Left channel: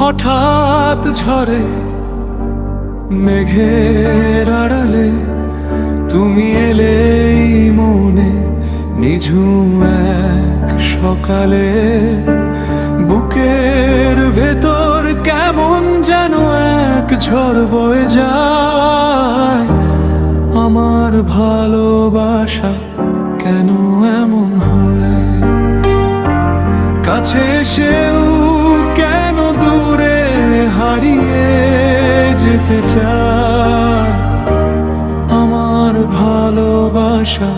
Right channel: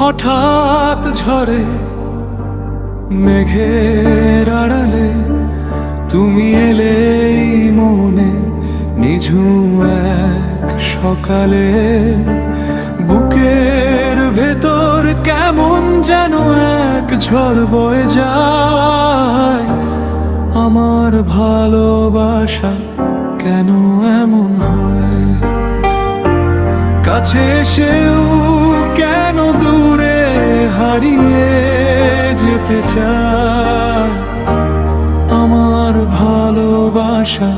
হঠাৎ ঝড়ে মেঘের আড়ালে তুমি এলেই মনে নিঝুম এক সকালে। বুকের ভেতর কেমন যেন এক ঝড় বয়ে যায়। আমার ভালোবাসা কেন এমন হয়? কাছে এসেও কেন দূরে হারিয়ে যেতে চায়? আমার ভালোবাসা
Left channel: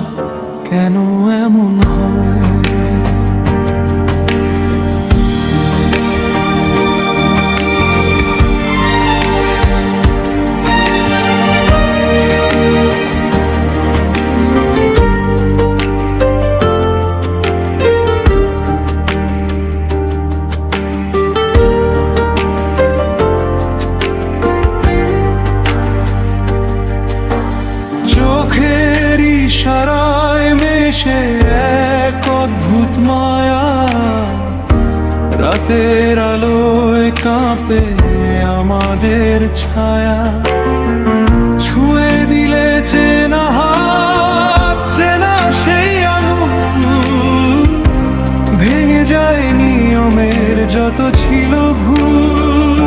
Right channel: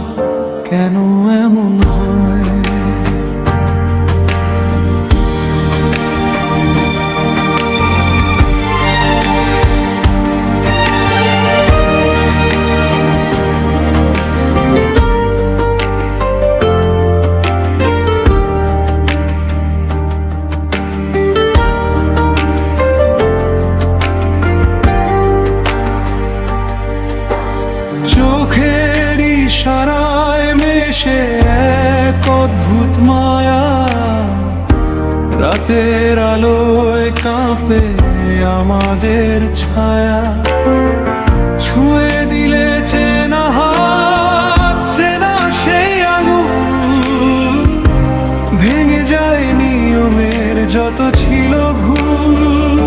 কেন এমন হয়? চোখের ইশারায় মেশে এক অদ্ভুত মায়া। রাতের আলোয় কাঁপে আমাদের ছায়া। ছুঁয়ে দিলে চেনা হাত, চেনা সেই আঙুল। ভেঙে যায় নিয়মের যত ছিল ভুল।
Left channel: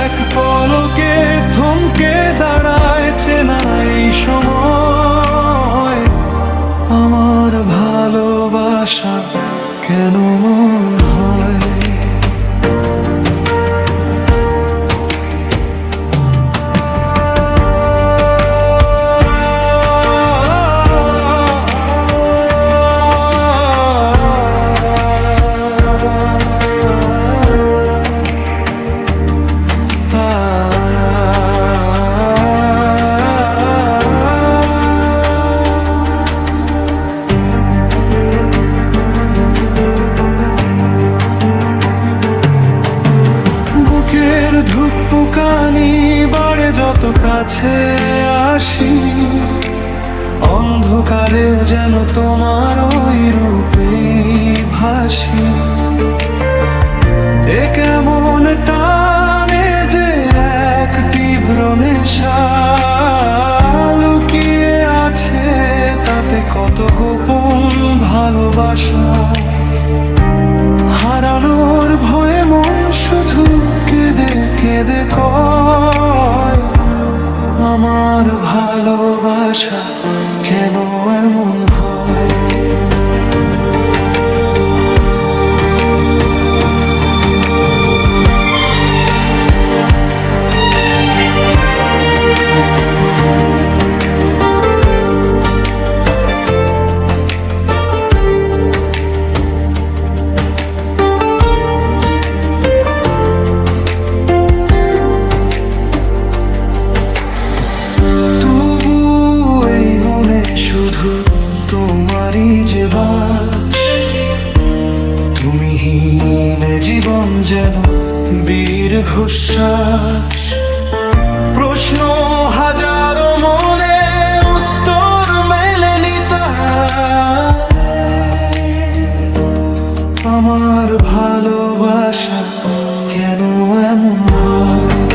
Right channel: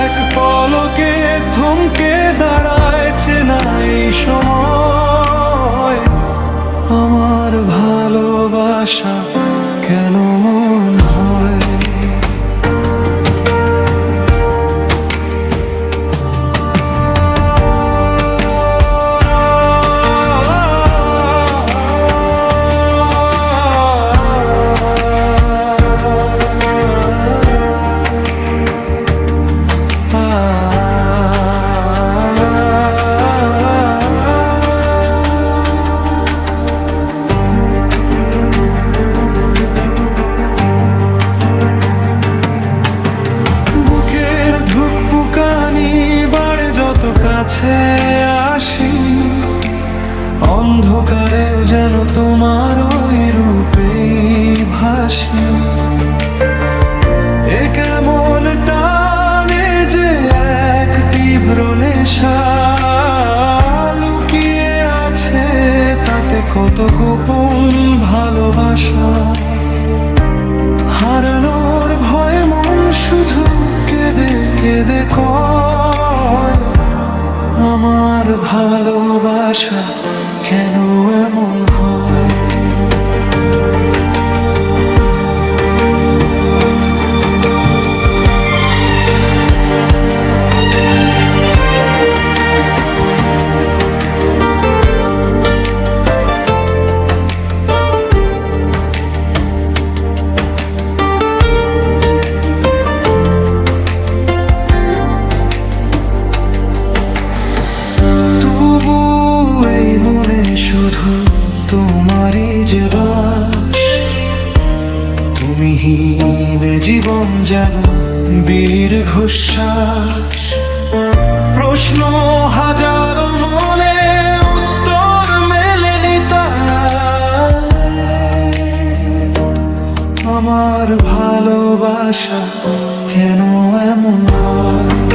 এক পলকে থমকে দাঁড়ায় চেনা এই সময়। আমার ভালোবাসা কেন মন হয়? বুকের ধুকপুকানি বাড়ে যত কাছে আসি। অন্ধকারেও যেন তোমার ওই রূপেই ভাসি। এ কেমন টানে যে এক তীব্র নেশা। লুকিয়ে আছে তাতে কত গোপন ভালোবাসা। হারানোর ভয়ে মন শুধু কেঁদে কেঁদে কয়, আমার ভালোবাসা কেন এমন হয়? শুধু তোমারই যে বাস। তুমিহীন জীবন যেন দীর্ঘশ্বাস। প্রশ্ন হাজারো মনে, উত্তর মেলেনি তার। আমার ভালোবাসা কেন এমন হয়?